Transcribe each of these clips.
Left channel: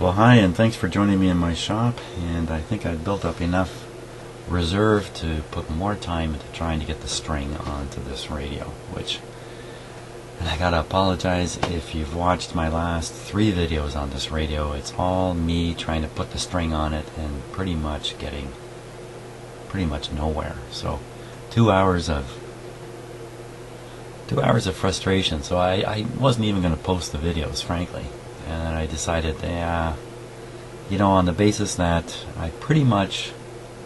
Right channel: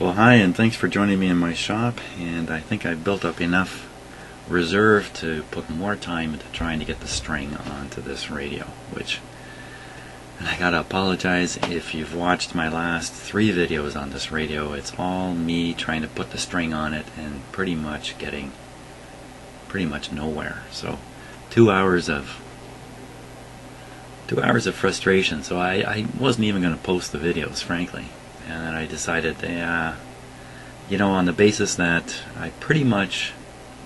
Well, hi, and thanks for joining me in my shop. And I think I've built up enough reserve to put more time into trying to get the string onto this radio, and I gotta apologize if you've watched my last 3 videos on this radio. It's all me trying to put the string on it and pretty much getting nowhere. So 2 hours of frustration. So I wasn't even going to post the videos, frankly. And then I decided, on the basis that I pretty much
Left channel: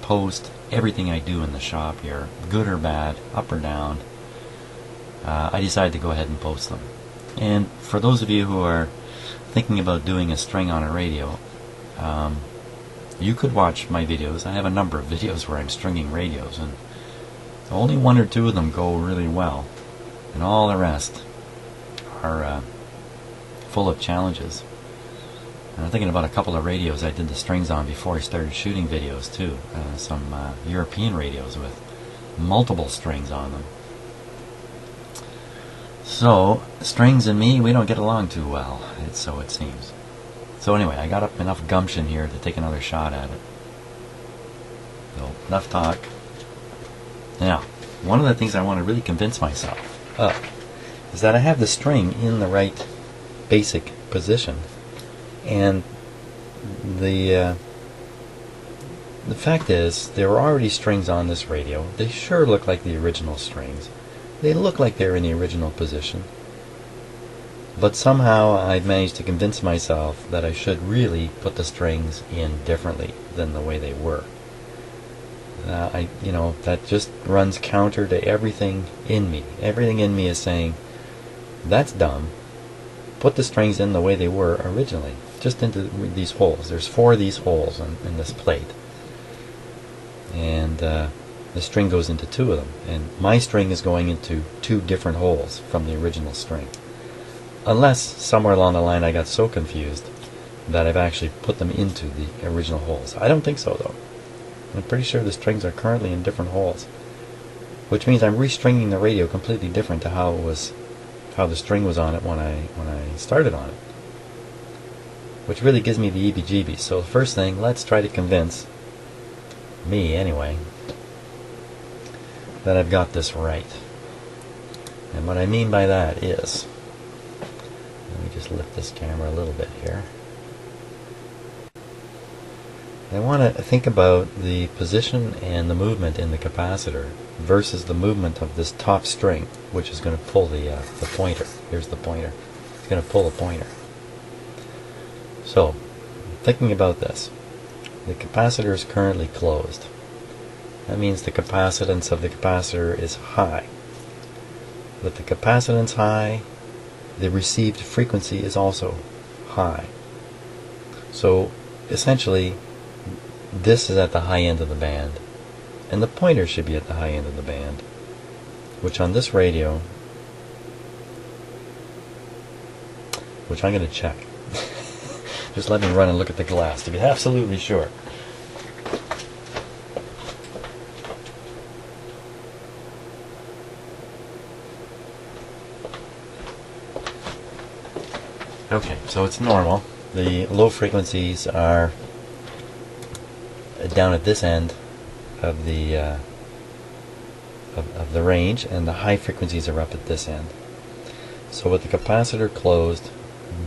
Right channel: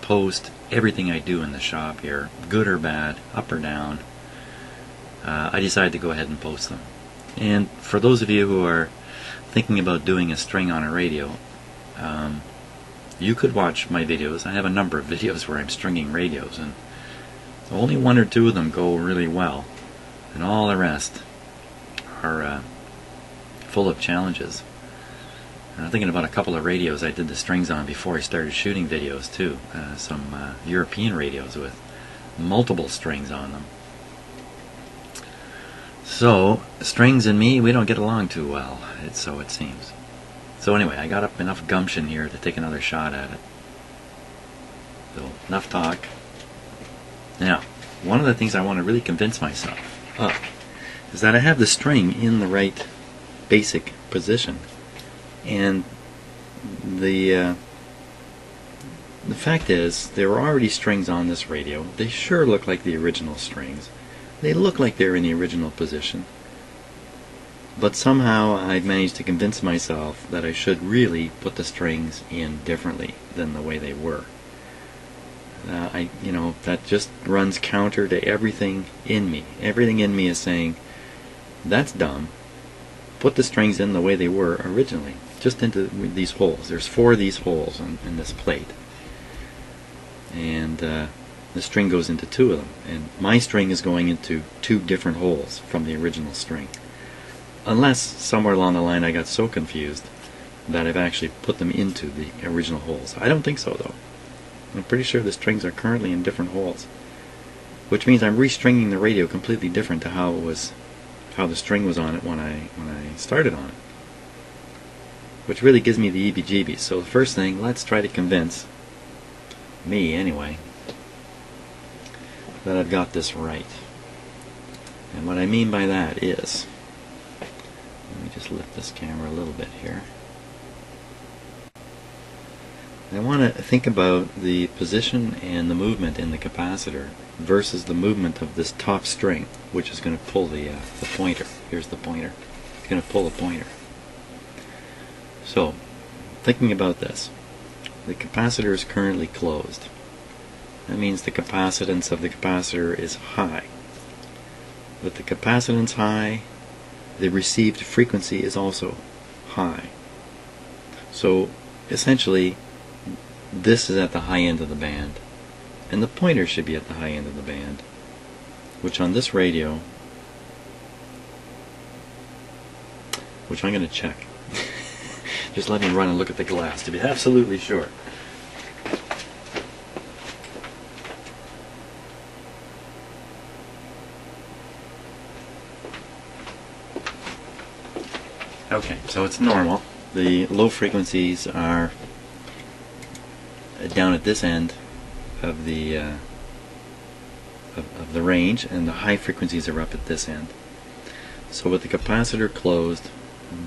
post everything I do in the shop here, good or bad, up or down, I decided to go ahead and post them. And for those of you who are thinking about doing a string on a radio, you could watch my videos. I have a number of videos where I'm stringing radios, and only 1 or 2 of them go really well, and all the rest are full of challenges. And I'm thinking about a couple of radios I did the strings on before I started shooting videos too. Some European radios with multiple strings on them. So strings and me, we don't get along too well. So it seems. So anyway, I got up enough gumption here to take another shot at it. So enough talk. Now, one of the things I want to really convince myself of is that I have the string in the right basic position. And the fact is, there were already strings on this radio. They sure look like the original strings. They look like they're in the original position. But somehow I've managed to convince myself that I should really put the strings in differently than the way they were. That just runs counter to everything in me. Everything in me is saying, that's dumb. Put the strings in the way they were originally, just into these holes. There's 4 of these holes in this plate. And the string goes into 2 of them. And my string is going into 2 different holes from the original string. Unless somewhere along the line I got so confused that I've actually put them into the original holes. I don't think so, though. I'm pretty sure the strings are currently in different holes, which means I'm restringing the radio completely different to how the string was on it when I started on it, which really gives me the heebie-jeebies. So the first thing, let's try to convince me, anyway, that I've got this right. And what I mean by that is, let me just lift this camera a little bit here. I want to think about the position and the movement in the capacitor versus the movement of this top string, which is going to pull the pointer. Here's the pointer. It's going to pull the pointer. So, thinking about this, the capacitor is currently closed. That means the capacitance of the capacitor is high. With the capacitance high, the received frequency is also high. So, essentially, this is at the high end of the band, and the pointer should be at the high end of the band, which on this radio, which I'm going to check. Just let me run and look at the glass to be absolutely sure. Okay, so it's normal. The low frequencies are down at this end of the of the range, and the high frequencies are up at this end. So with the capacitor closed,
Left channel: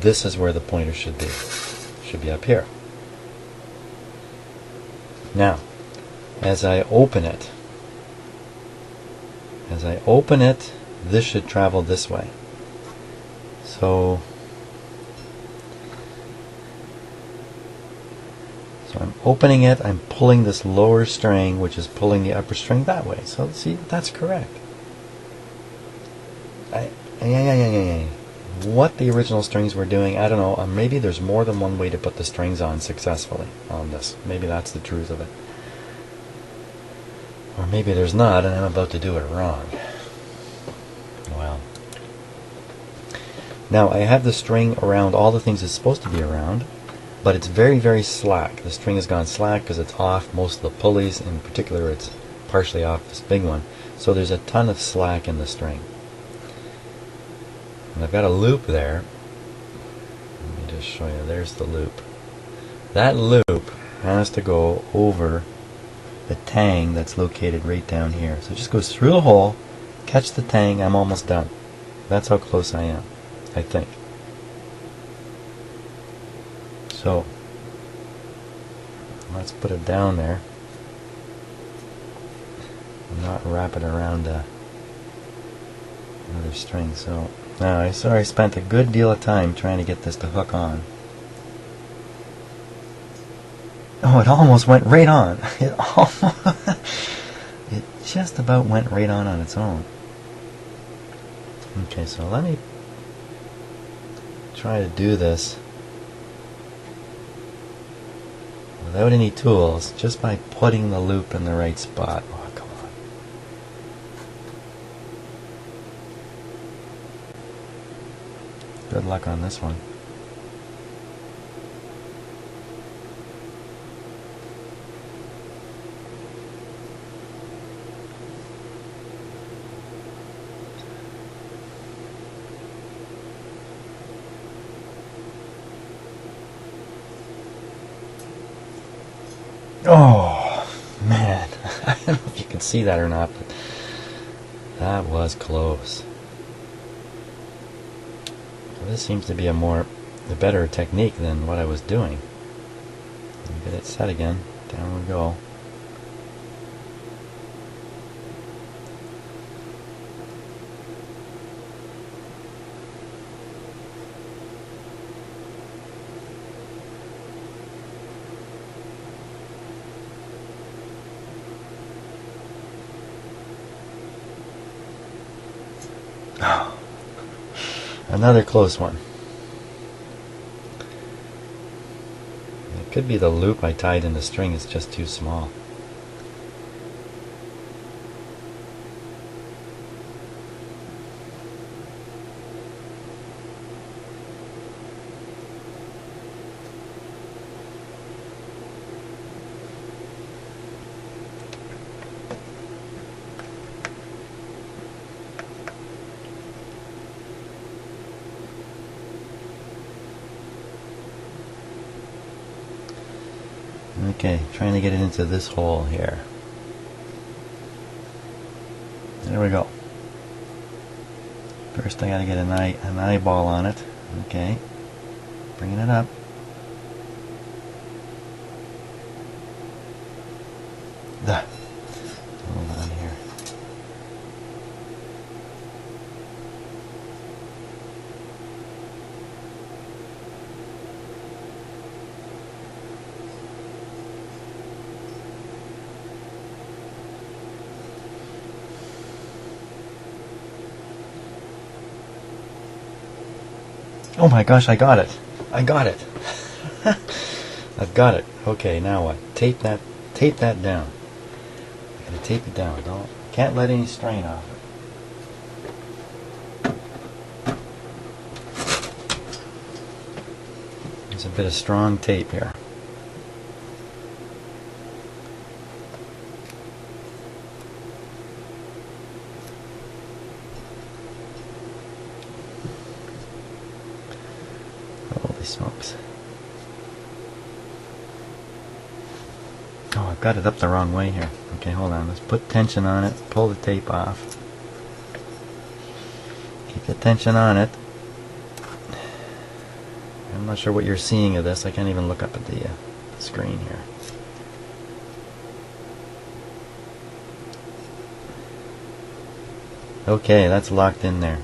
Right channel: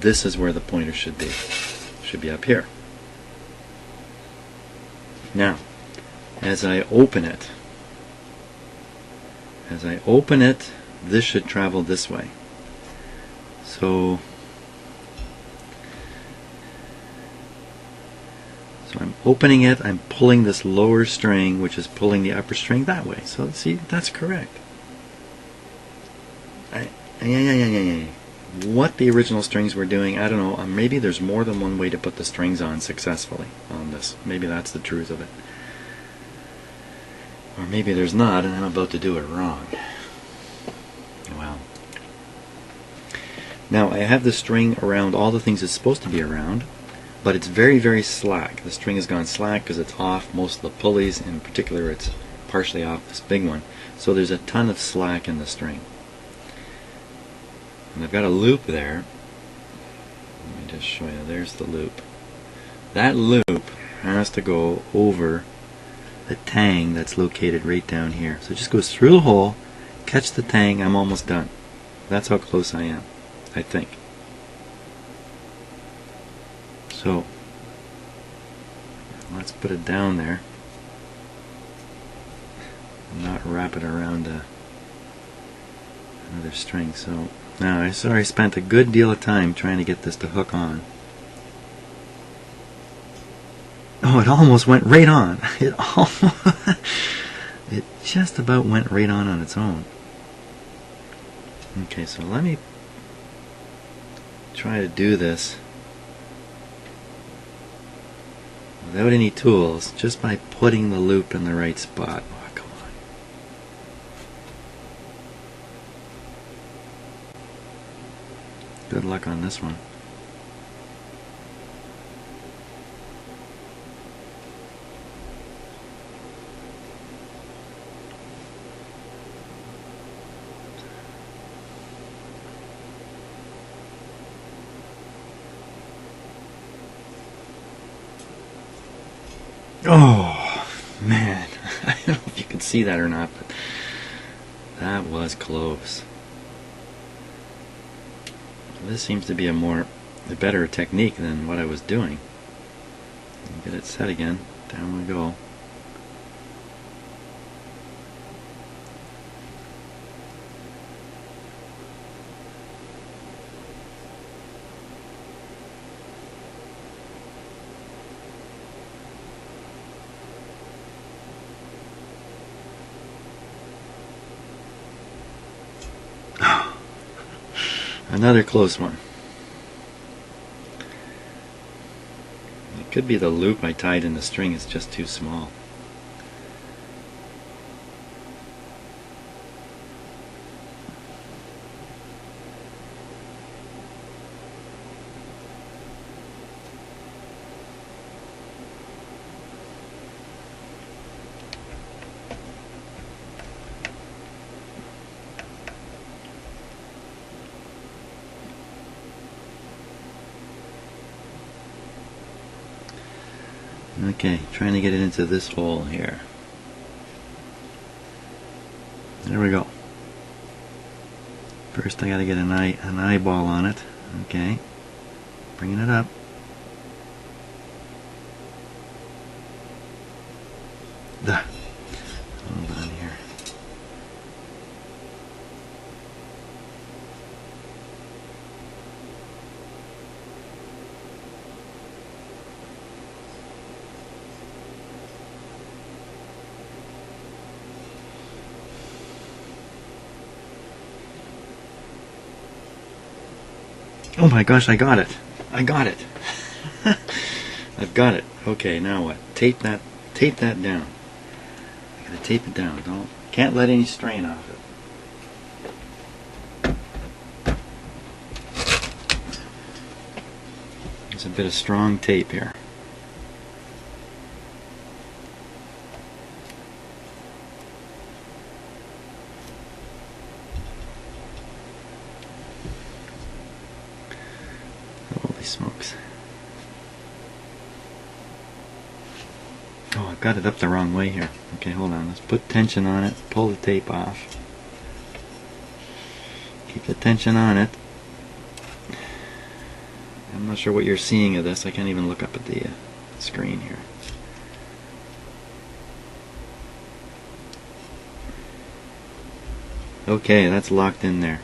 this is where the pointer should be. It should be up here. Now, as I open it, this should travel this way. So I'm opening it, I'm pulling this lower string, which is pulling the upper string that way. So see, that's correct. What the original strings were doing, I don't know. Maybe there's more than one way to put the strings on successfully on this. Maybe that's the truth of it. Or maybe there's not, and I'm about to do it wrong. Well. Now, I have the string around all the things it's supposed to be around, but it's very, very slack. The string has gone slack because it's off most of the pulleys. In particular, it's partially off this big one. So there's a ton of slack in the string. And I've got a loop there. Let me just show you. There's the loop. that loop has to go over the tang that's located right down here. So it just goes through the hole, catch the tang, I'm almost done. That's how close I am, I think. So let's put it down there. Not wrap it around another string. So now I spent a good deal of time trying to get this to hook on. Oh, it almost went right on. It just about went right on its own. Okay, so let me try to do this without any tools, just by putting the loop in the right spot. Oh, come on. Good luck on this one. Oh, man. I don't know if you can see that or not, but that was close. Well, this seems to be a better technique than what I was doing. Get it set again. Down we go. Another close one. It could be the loop I tied in the string is just too small. Okay, trying to get it into this hole here. There we go. First I gotta get an eyeball on it. Okay, bringing it up. Hold on here. Oh my gosh, I got it. I got it. I've got it. Okay, now what? Tape that down. I gotta tape it down. Can't let any strain off it. There's a bit of strong tape here. Holy smokes. Oh, I've got it up the wrong way here. Okay, hold on. Let's put tension on it. Pull the tape off. Keep the tension on it. I'm not sure what you're seeing of this. I can't even look up at the screen here. Okay, that's locked in there.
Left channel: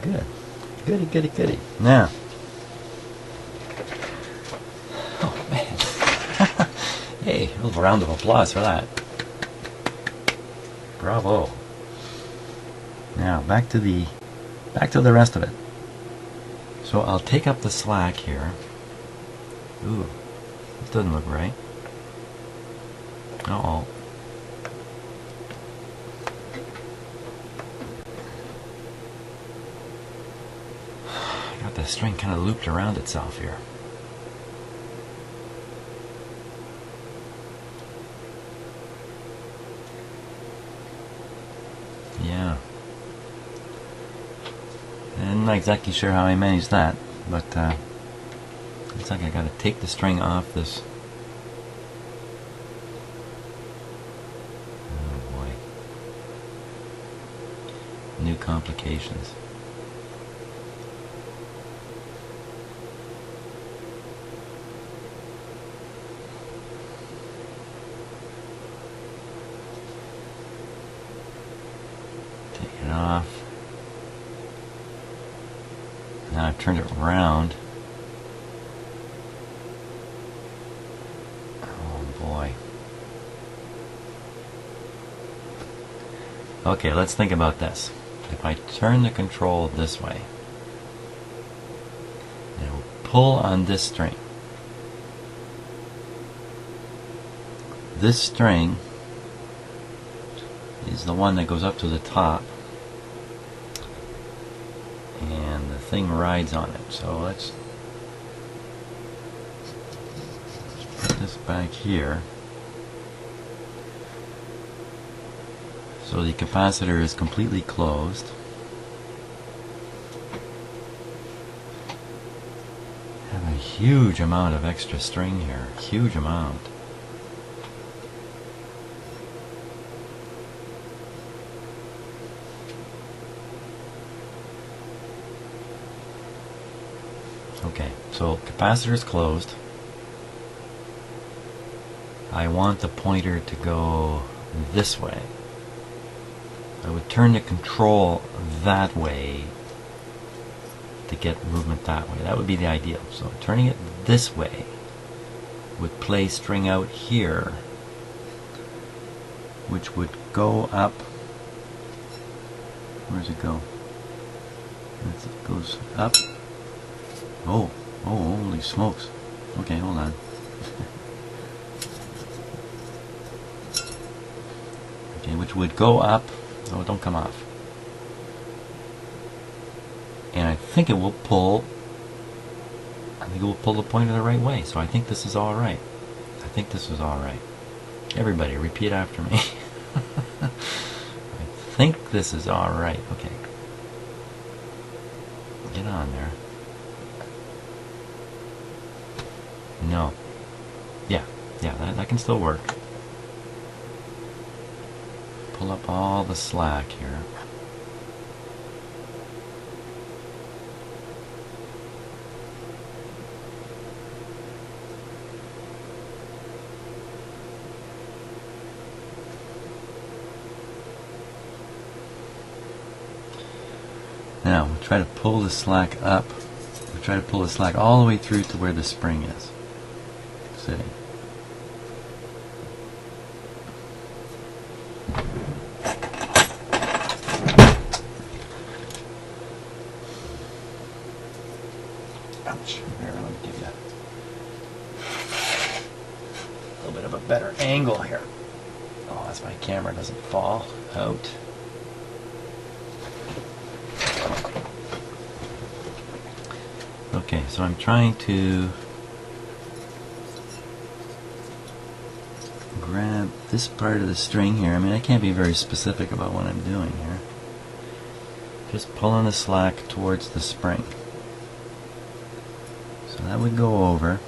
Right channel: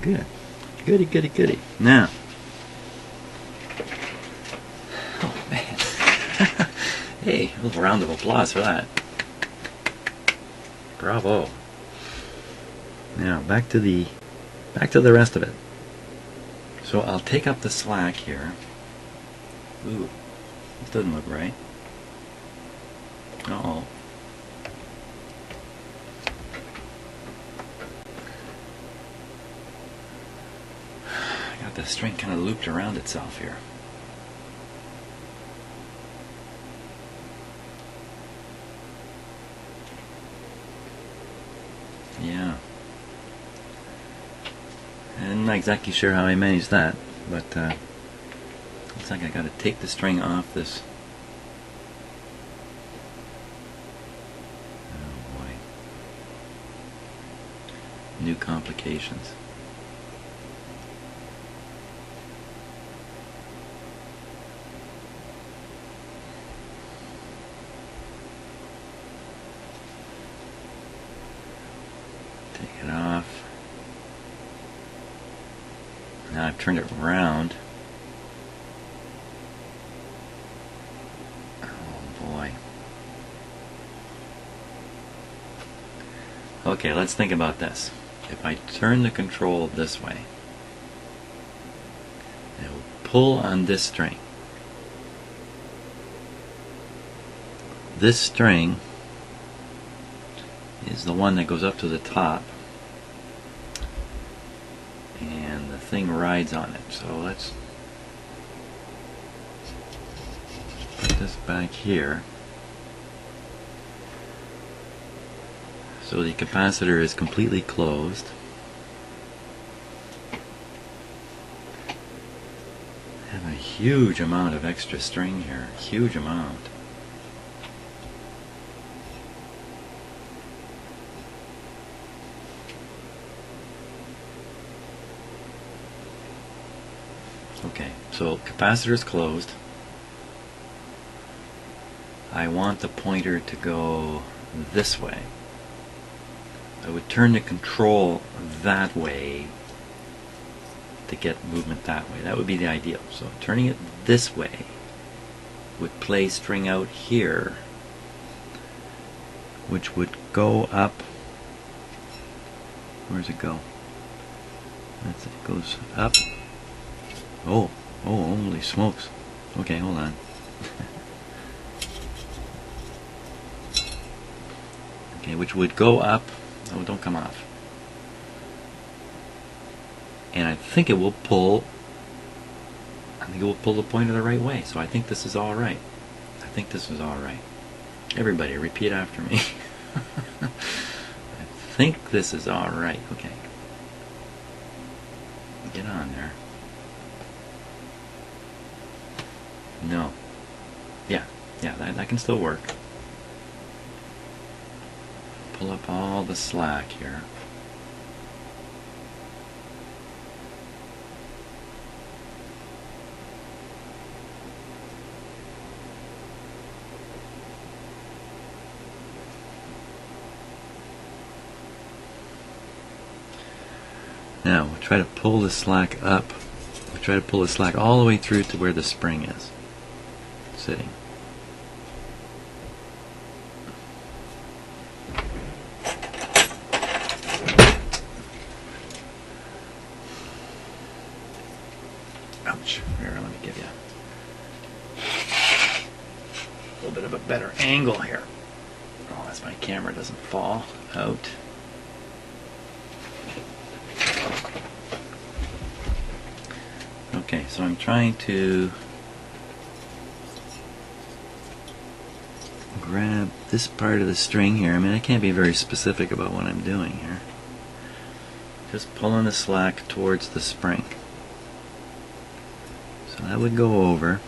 Good. Goody, goody, goody. Now. Oh, man. Hey, a little round of applause for that. Bravo. Now, back to the rest of it. So I'll take up the slack here. Ooh, this doesn't look right. Uh-oh. I got the string kind of looped around itself here. Yeah. I'm not exactly sure how I managed that, but Looks like I gotta take the string off this. Oh boy. New complications. Take it off. Now I've turned it around. Okay, let's think about this. If I turn the control this way, I will pull on this string. This string is the one that goes up to the top, and the thing rides on it. So let's put this back here. So the capacitor is completely closed. I have a huge amount of extra string here, huge amount. Okay, so capacitor is closed. I want the pointer to go this way. I would turn the control that way to get movement that way. That would be the ideal. So turning it this way would play string out here, which would go up. Where's it go? It goes up. Oh, holy smokes. Okay, hold on. Okay, which would go up. No, don't come off. And I think it will pull. I think it will pull the pointer the right way. So I think this is all right. I think this is all right. Everybody, repeat after me. I think this is all right. Okay. Get on there. No. Yeah, that can still work. Pull up all the slack here. Now we'll try to pull the slack up. We'll try to pull the slack all the way through to where the spring is sitting. Ouch. Here, let me give you a little bit of a better angle here. Oh, that's my camera doesn't fall out. Okay, so I'm trying to grab this part of the string here. I mean, I can't be very specific about what I'm doing here. Just pulling the slack towards the spring. So that would go over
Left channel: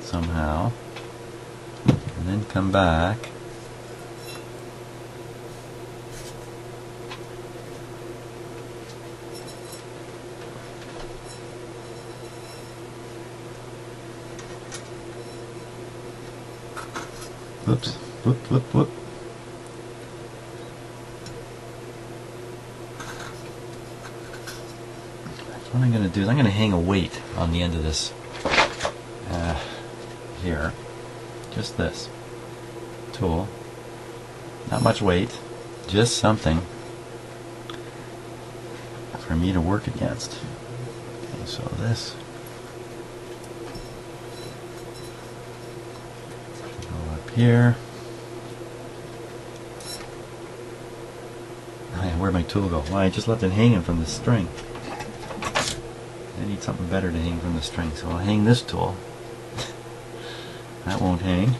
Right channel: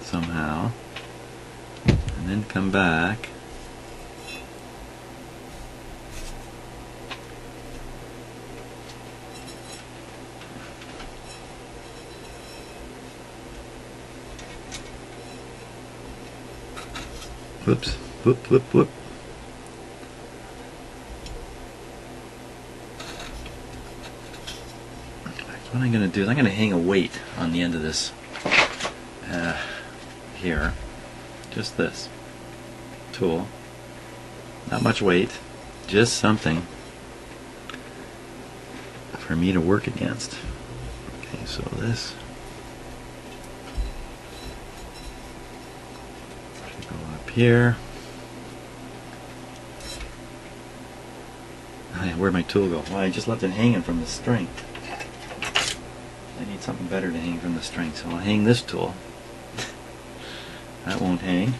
somehow, and then come back. Whoops, whoop, whoop, whoop. What I'm going to do is I'm going to hang a weight on the end of this here. Just this tool. Not much weight, just something for me to work against. Okay, so this should go up here. Where'd my tool go? Well, I just left it hanging from the string. I need something better to hang from the string, so I'll hang this tool. That won't hang.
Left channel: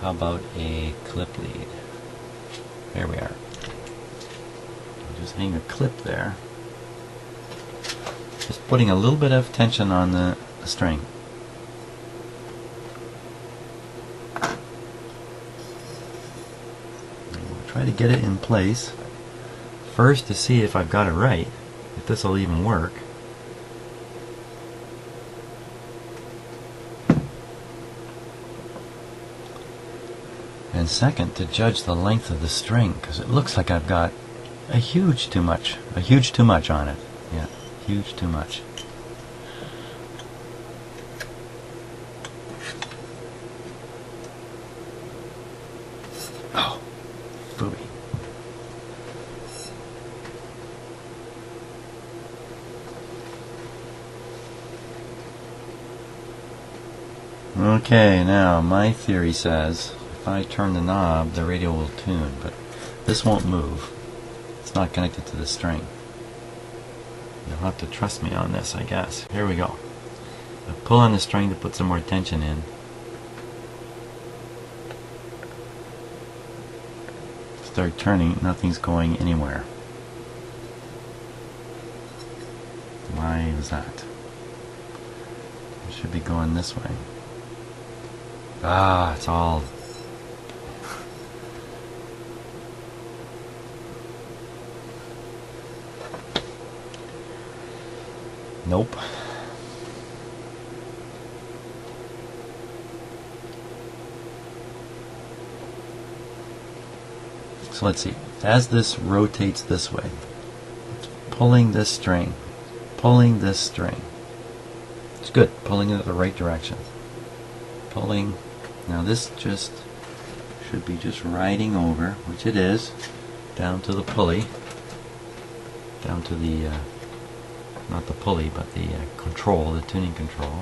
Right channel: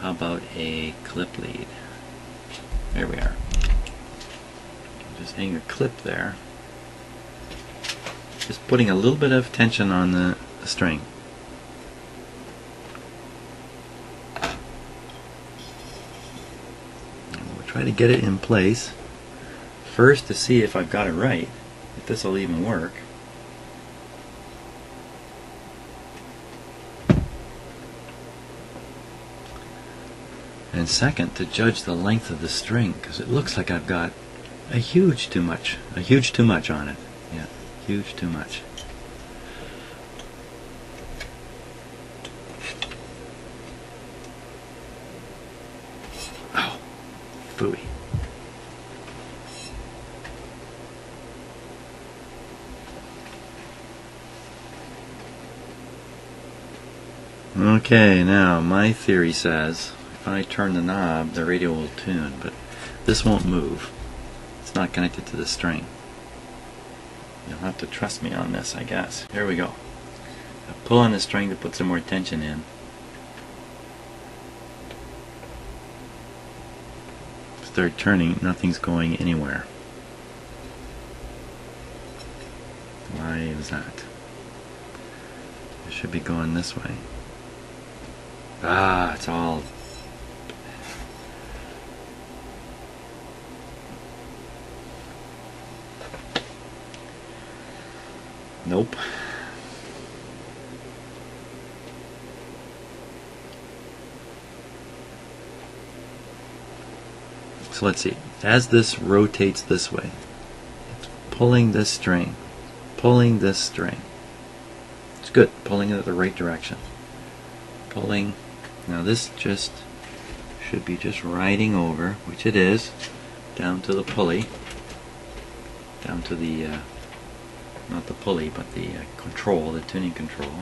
How about a clip lead? There we are. I'll just using a clip there. Just putting a little bit of tension on the string. And we'll try to get it in place first to see if I've got it right, if this will even work. And second, to judge the length of the string, because it looks like I've got a huge too much on it. Yeah, huge too much. Oh, phooey. Okay, now my theory says if I turn the knob, the radio will tune, but this won't move. It's not connected to the string. You'll have to trust me on this, I guess. Here we go. I pull on the string to put some more tension in. Start turning, nothing's going anywhere. Why is that? It should be going this way. Ah, it's all... Nope. So let's see. As this rotates this way, it's pulling this string, pulling this string. It's good, pulling it the right direction. Pulling. Now this just should be just riding over, which it is, down to the pulley, down to the not the pulley, but the control, the tuning control.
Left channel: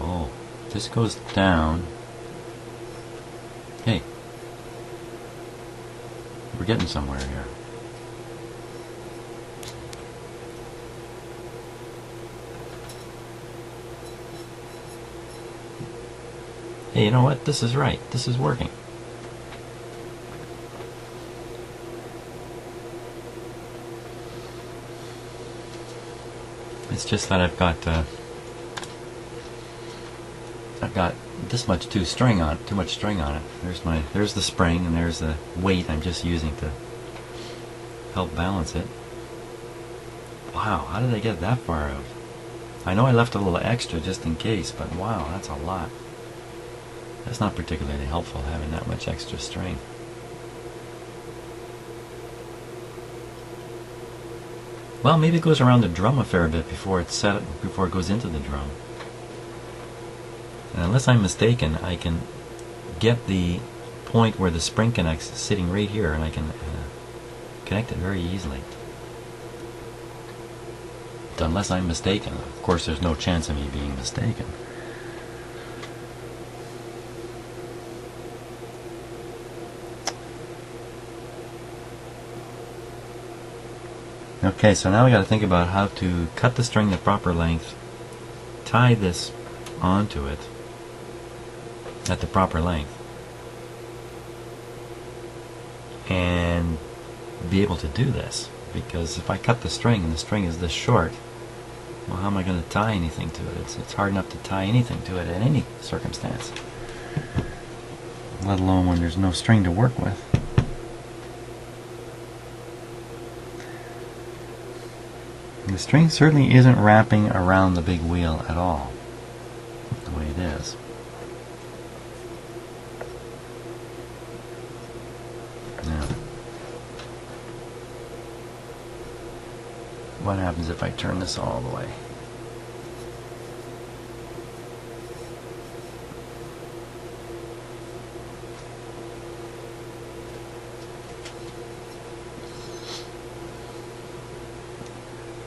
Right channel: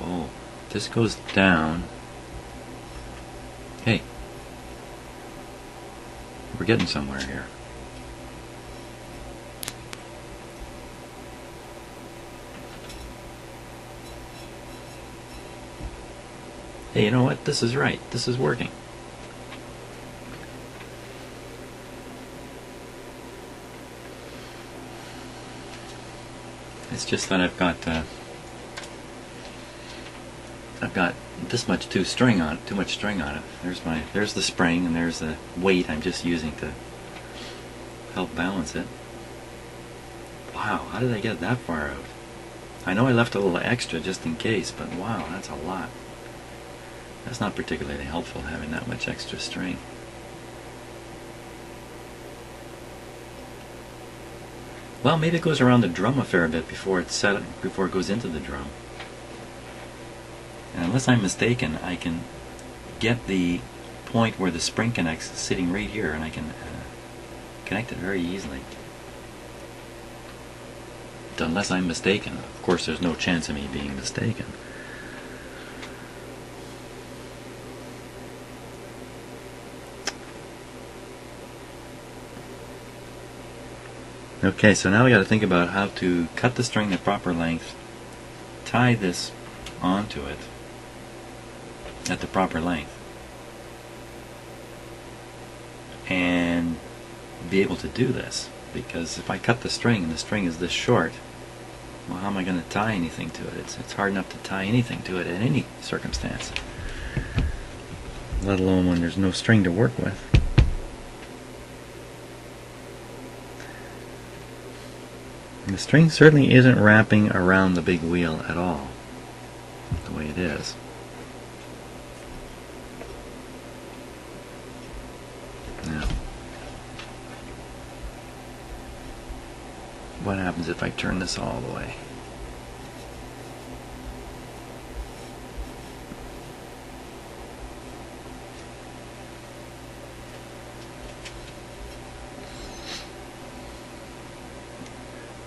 Oh, this goes down. Hey, we're getting somewhere here. Hey, you know what? This is right. This is working. It's just that I've got this much too much string on it. There's the spring, and there's the weight I'm just using to help balance it. Wow, how did I get that far out? I know I left a little extra just in case, but wow, that's a lot. That's not particularly helpful, having that much extra string. Well, maybe it goes around the drum a fair bit before it goes into the drum. And unless I'm mistaken, I can get the point where the spring connects sitting right here, and I can connect it very easily. Unless I'm mistaken. Of course, there's no chance of me being mistaken. Okay, so now we got to think about how to cut the string the proper length, tie this onto it at the proper length, and be able to do this. Because if I cut the string and the string is this short, well, how am I going to tie anything to it? It's hard enough to tie anything to it in any circumstance, let alone when there's no string to work with. And the string certainly isn't wrapping around the big wheel at all, the way it is. Now, what happens if I turn this all the way?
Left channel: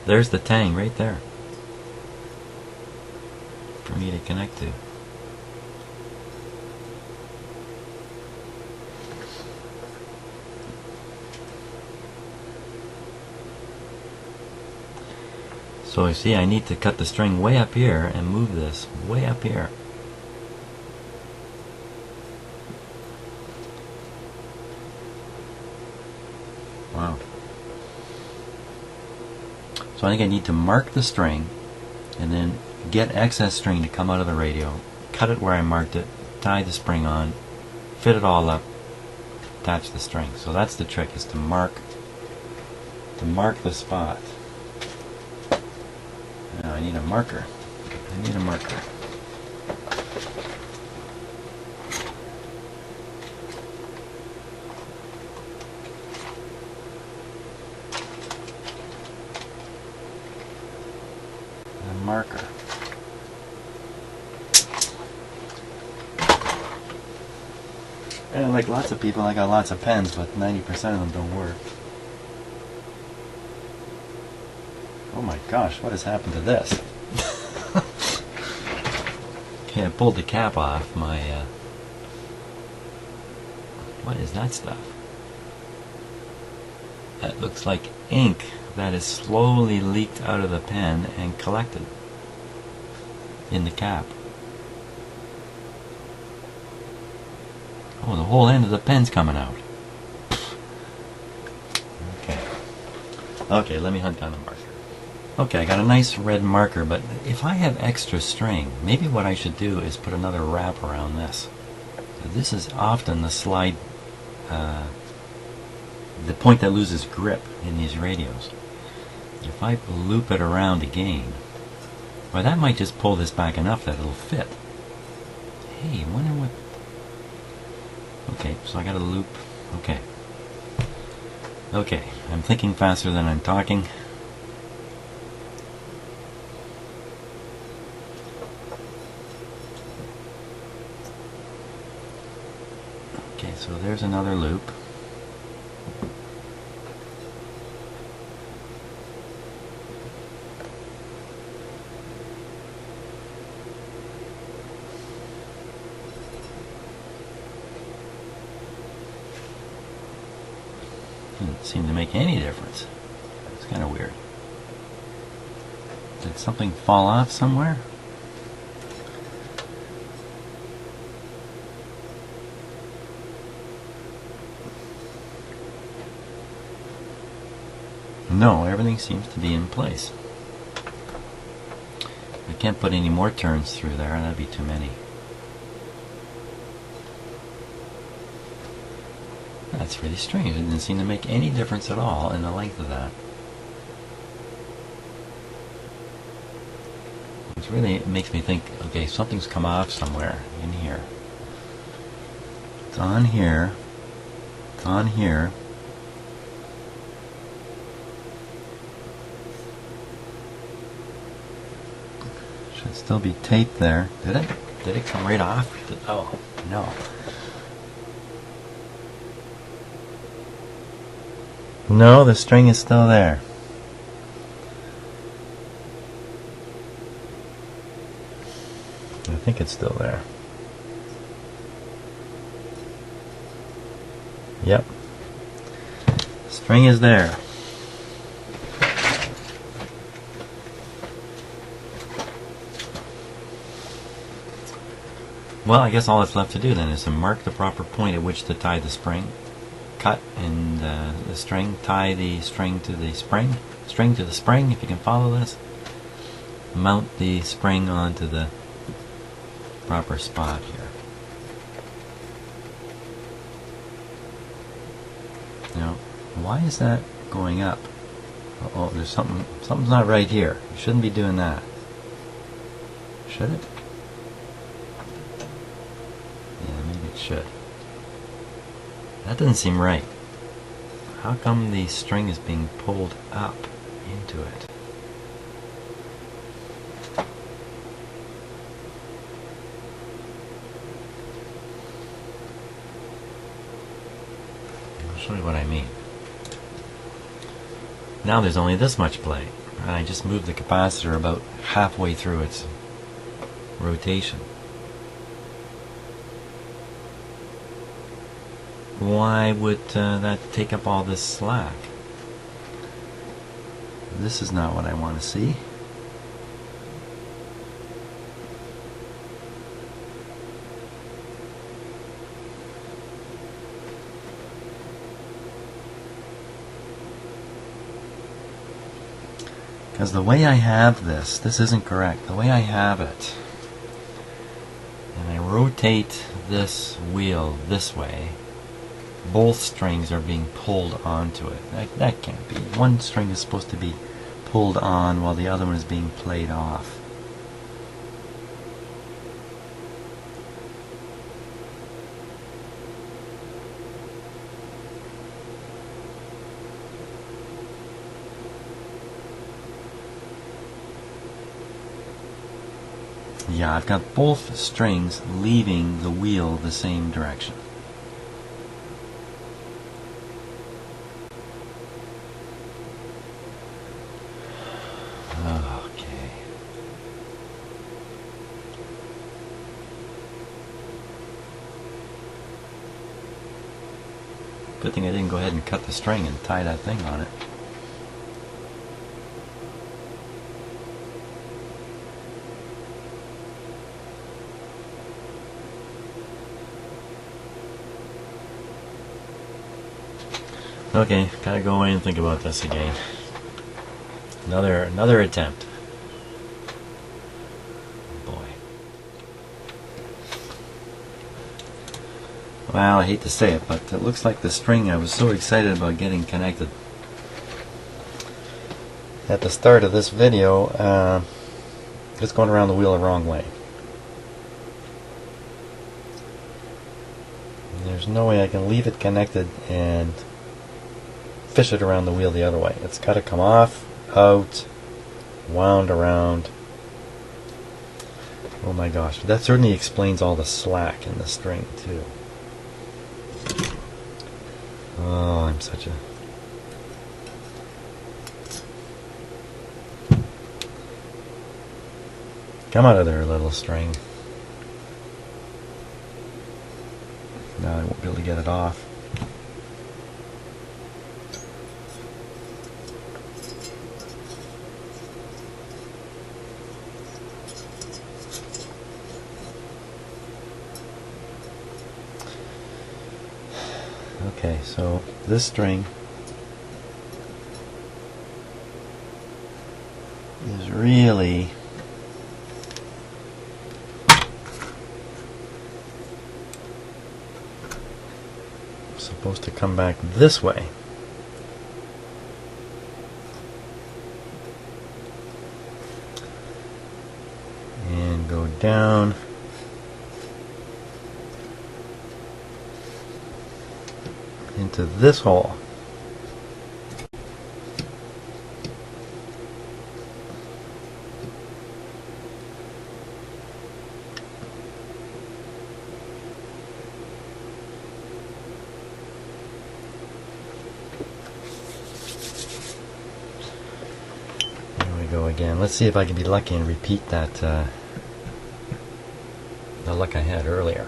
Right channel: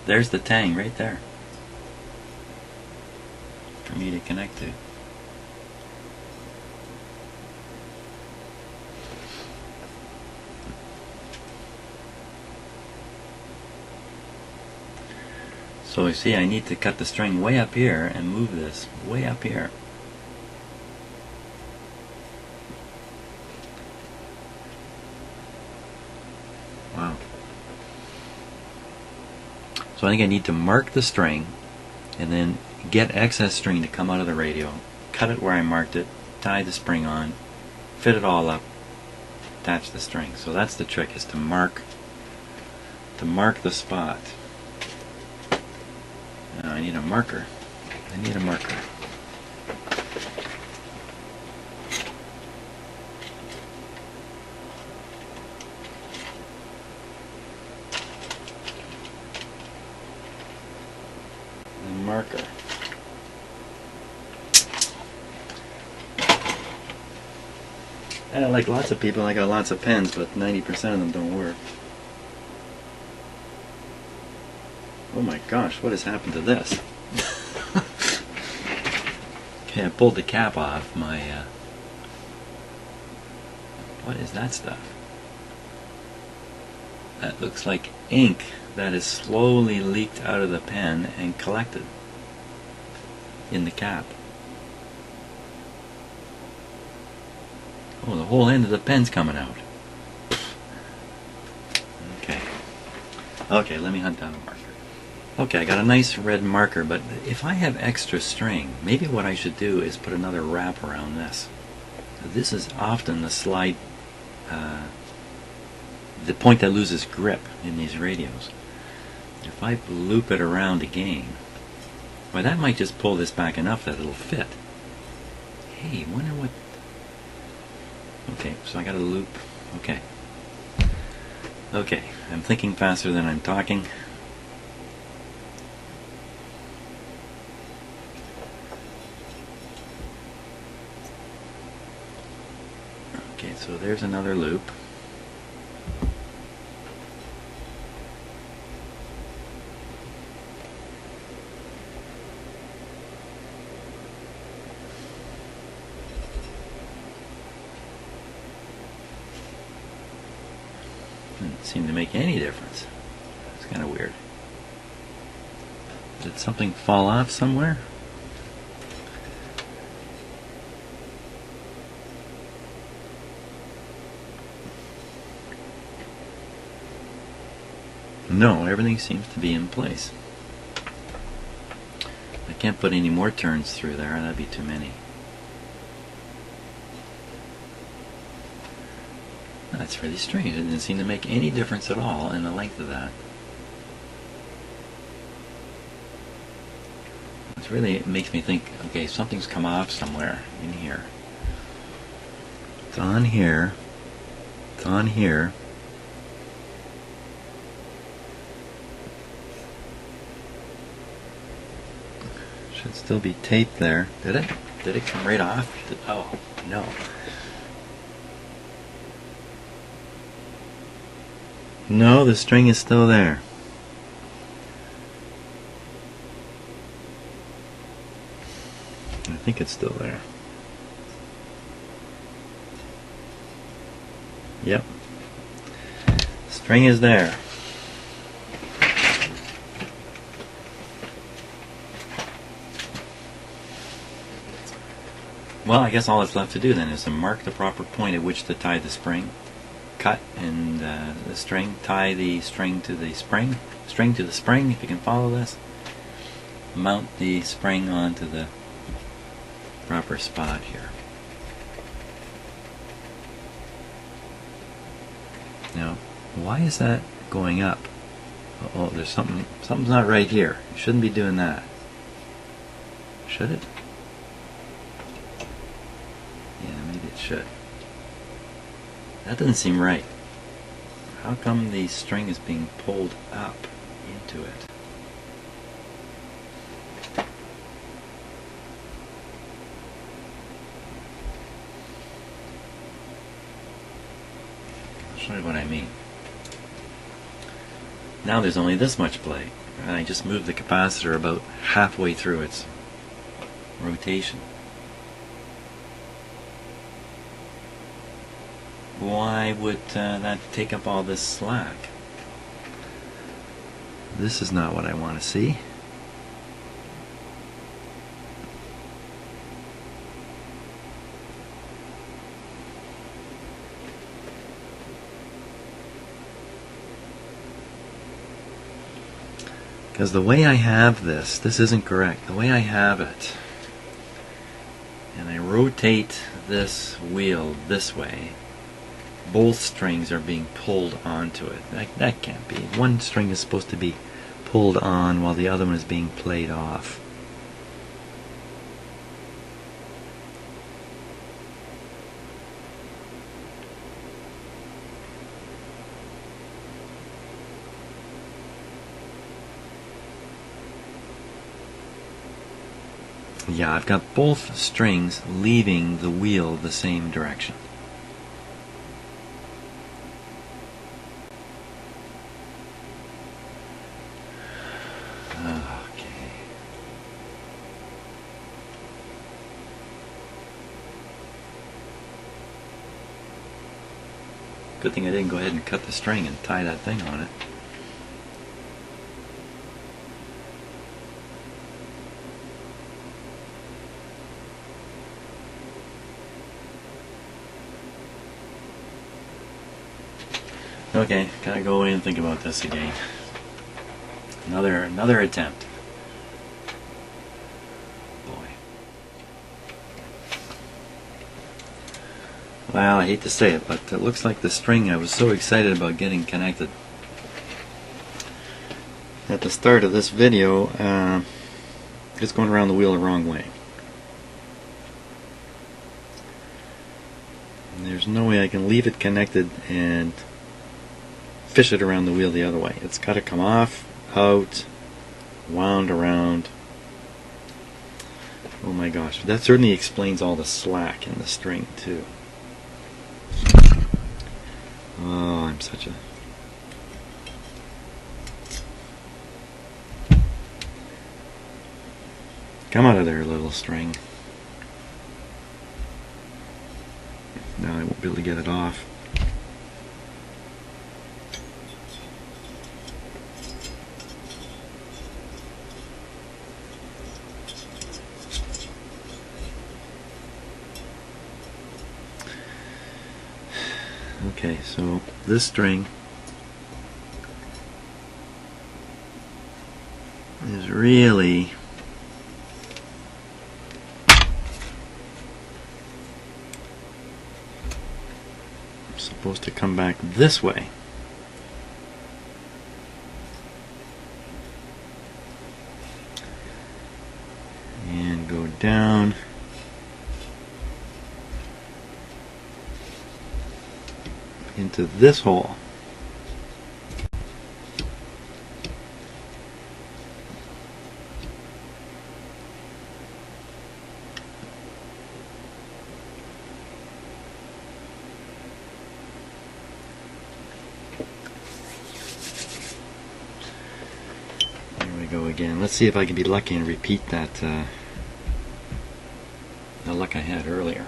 There's the tang right there for me to connect to. So you see, I need to cut the string way up here and move this way up here. Wow. So I think I need to mark the string and then get excess string to come out of the radio, cut it where I marked it, tie the spring on, fit it all up, attach the string. So that's the trick, is to mark the spot. Now I need a marker. I need a marker. A marker. And like lots of people, I got lots of pens, but 90% of them don't work. Oh my gosh, what has happened to this? Okay, I pulled the cap off my... what is that stuff? That looks like ink that is slowly leaked out of the pen and collected in the cap. Oh, the whole end of the pen's coming out. Okay. Okay, let me hunt down a marker. Okay, I got a nice red marker, but if I have extra string, maybe what I should do is put another wrap around this. This is often the slide, the point that loses grip in these radios. If I loop it around again, well, that might just pull this back enough that it'll fit. Hey, I wonder what... Okay, so I got a loop. Okay. Okay, I'm thinking faster than I'm talking. Okay, so there's another loop. Didn't seem to make any difference. It's kind of weird. Did something fall off somewhere? No, everything seems to be in place. I can't put any more turns through there, that'd be too many. That's really strange. It didn't seem to make any difference at all in the length of that. It's really, it makes me think, okay, something's come off somewhere in here. It's on here. It's on here. Should still be taped there. Did it? Did it come right off? Oh, no. No, the string is still there. I think it's still there. Yep. String is there. Well, I guess all that's left to do then is to mark the proper point at which to tie the spring. Cut and the string, tie the string to the spring, if you can follow this. Mount the spring onto the proper spot here. Now, why is that going up? Oh, there's something's not right here. You shouldn't be doing that. Should it? Yeah, maybe it should. That doesn't seem right. How come the string is being pulled up into it? I'll show you what I mean. Now there's only this much play. And I just moved the capacitor about halfway through its rotation. Why would that take up all this slack? This is not what I want to see. Because the way I have this isn't correct. The way I have it, and I rotate this wheel this way, both strings are being pulled onto it. That can't be. One string is supposed to be pulled on while the other one is being played off. Yeah, I've got both strings leaving the wheel the same direction. Okay. Good thing I didn't go ahead and cut the string and tie that thing on it. Okay, gotta go away and think about this again. Another attempt. Boy. Well, I hate to say it, but it looks like the string I was so excited about getting connected at the start of this video is going around the wheel the wrong way. And there's no way I can leave it connected and fish it around the wheel the other way. It's got to come off, out, wound around. Oh my gosh, that certainly explains all the slack in the string too. Oh, I'm such a... Come out of there, little string. Now I won't be able to get it off. Okay, so this string is really supposed to come back this way. And go down into this hole. There we go again. Let's see if I can be lucky and repeat that the luck I had earlier.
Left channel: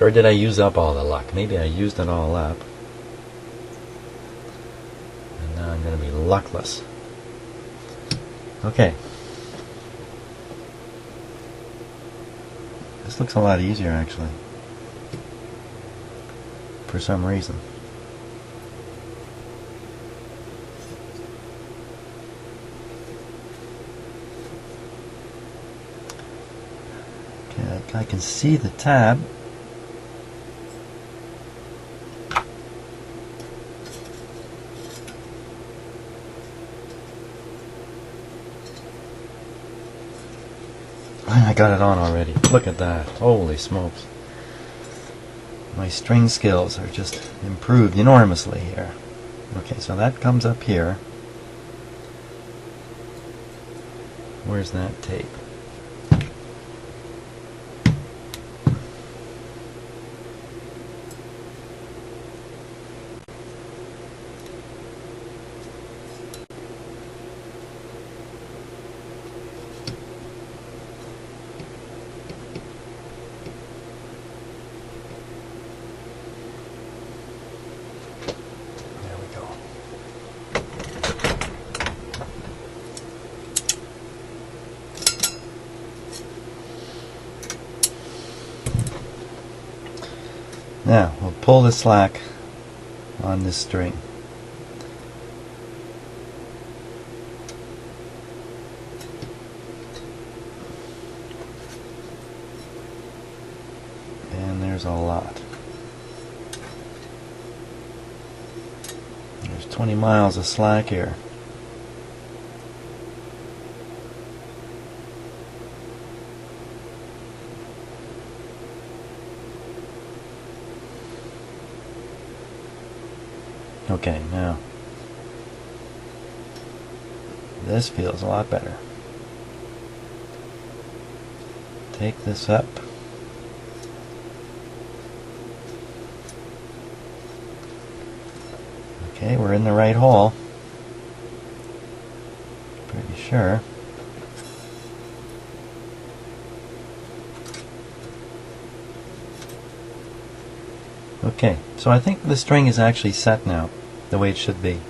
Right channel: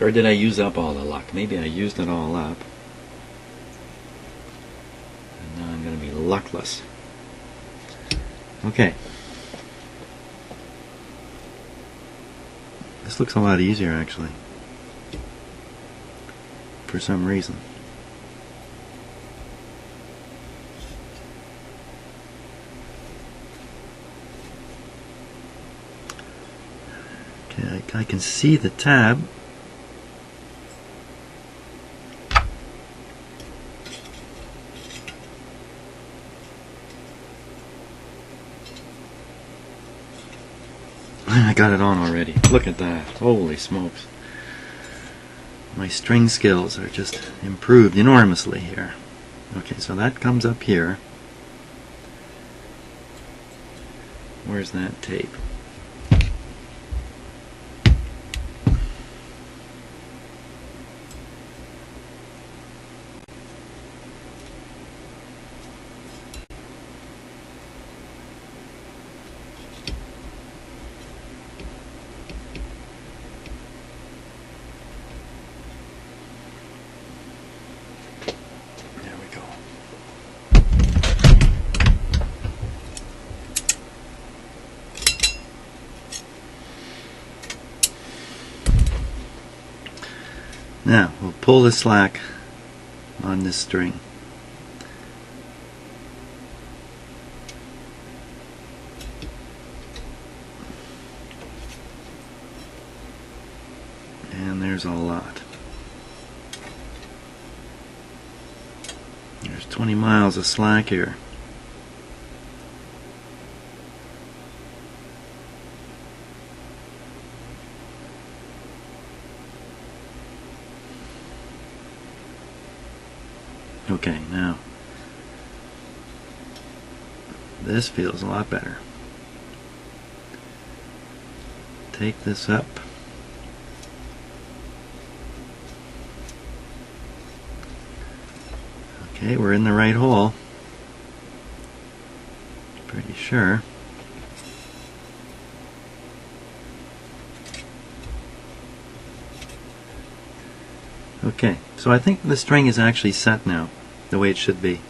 Or did I use up all the luck? Maybe I used it all up. And now I'm going to be luckless. Okay. This looks a lot easier actually. For some reason. Okay, I can see the tab. I got it on already. Look at that. Holy smokes. My string skills are just improved enormously here. Okay, so that comes up here. Where's that tape? Now we'll pull the slack on this string. And there's a lot. There's 20 miles of slack here. Okay, now this feels a lot better. Take this up. Okay, we're in the right hole. Pretty sure. Okay, so I think the string is actually set now, the way it should be.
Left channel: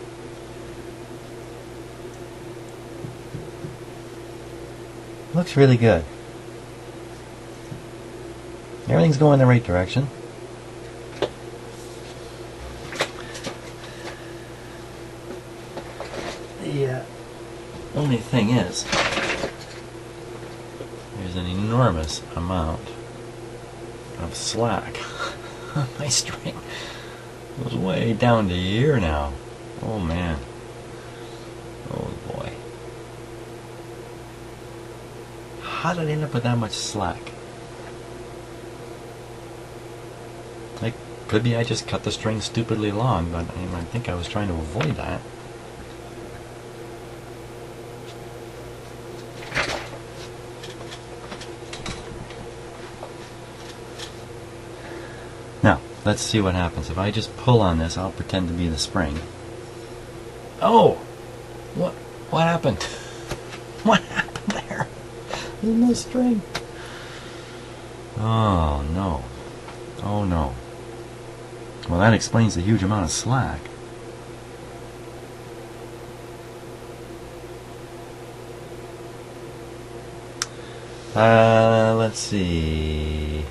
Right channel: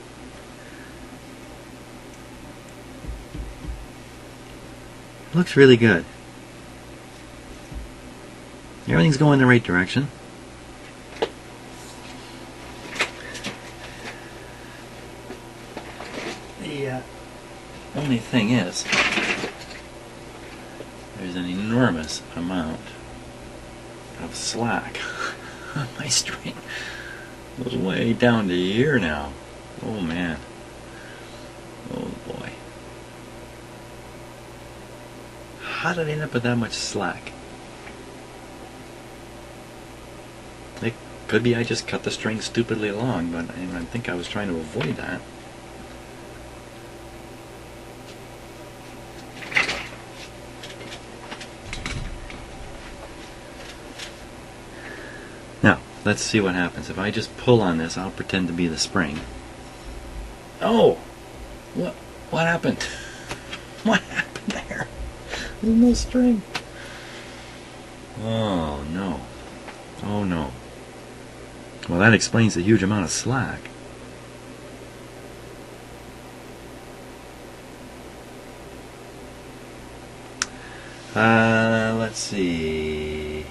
Looks really good. Everything's going the right direction. The only thing is, there's an enormous amount of slack on my string. It was way down to here now. Oh man. Oh boy. How did I end up with that much slack? It could be I just cut the string stupidly long, but I think I was trying to avoid that. Now, let's see what happens. If I just pull on this, I'll pretend to be the spring. Oh! What happened? What happened there? There's no string. Oh no. Oh no. Well, that explains the huge amount of slack. Let's see.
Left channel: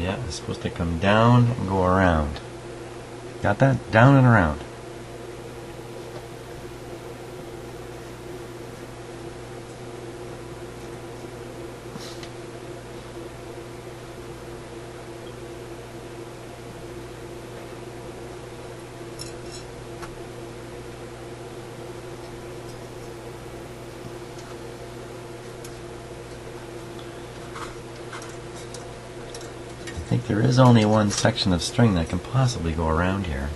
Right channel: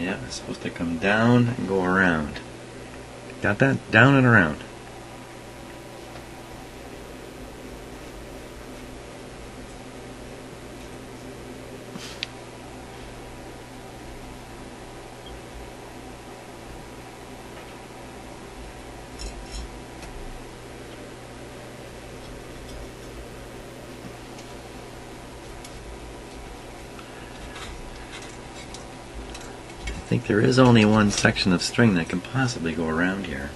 Yeah, it's supposed to come down and go around. Got that? Down and around. I think there is only one section of string that can possibly go around here.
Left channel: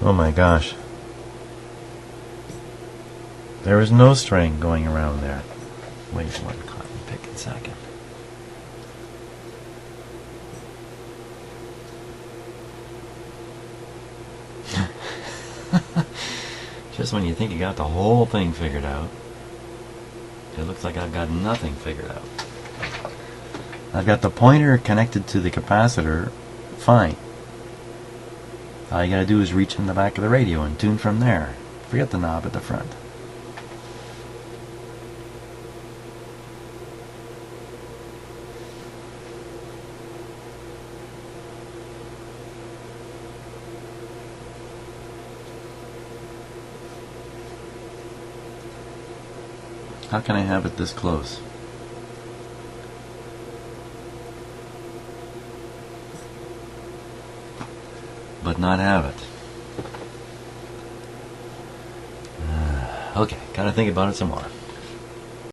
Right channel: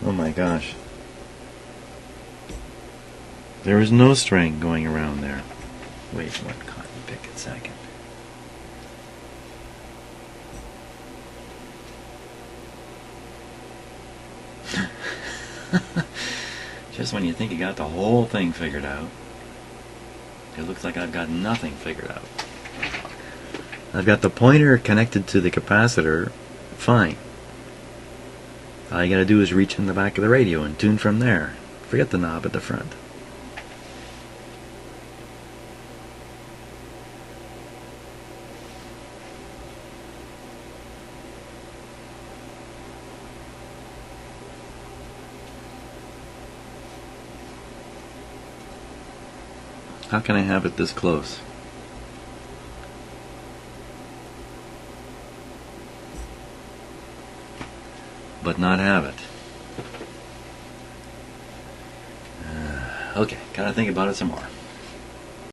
Oh my gosh. There is no string going around there. Wait one cotton picking second. Just when you think you got the whole thing figured out, it looks like I've got nothing figured out. I've got the pointer connected to the capacitor, fine. All you gotta do is reach in the back of the radio and tune from there. Forget the knob at the front. How can I have it this close? But not have it. Okay, gotta think about it some more.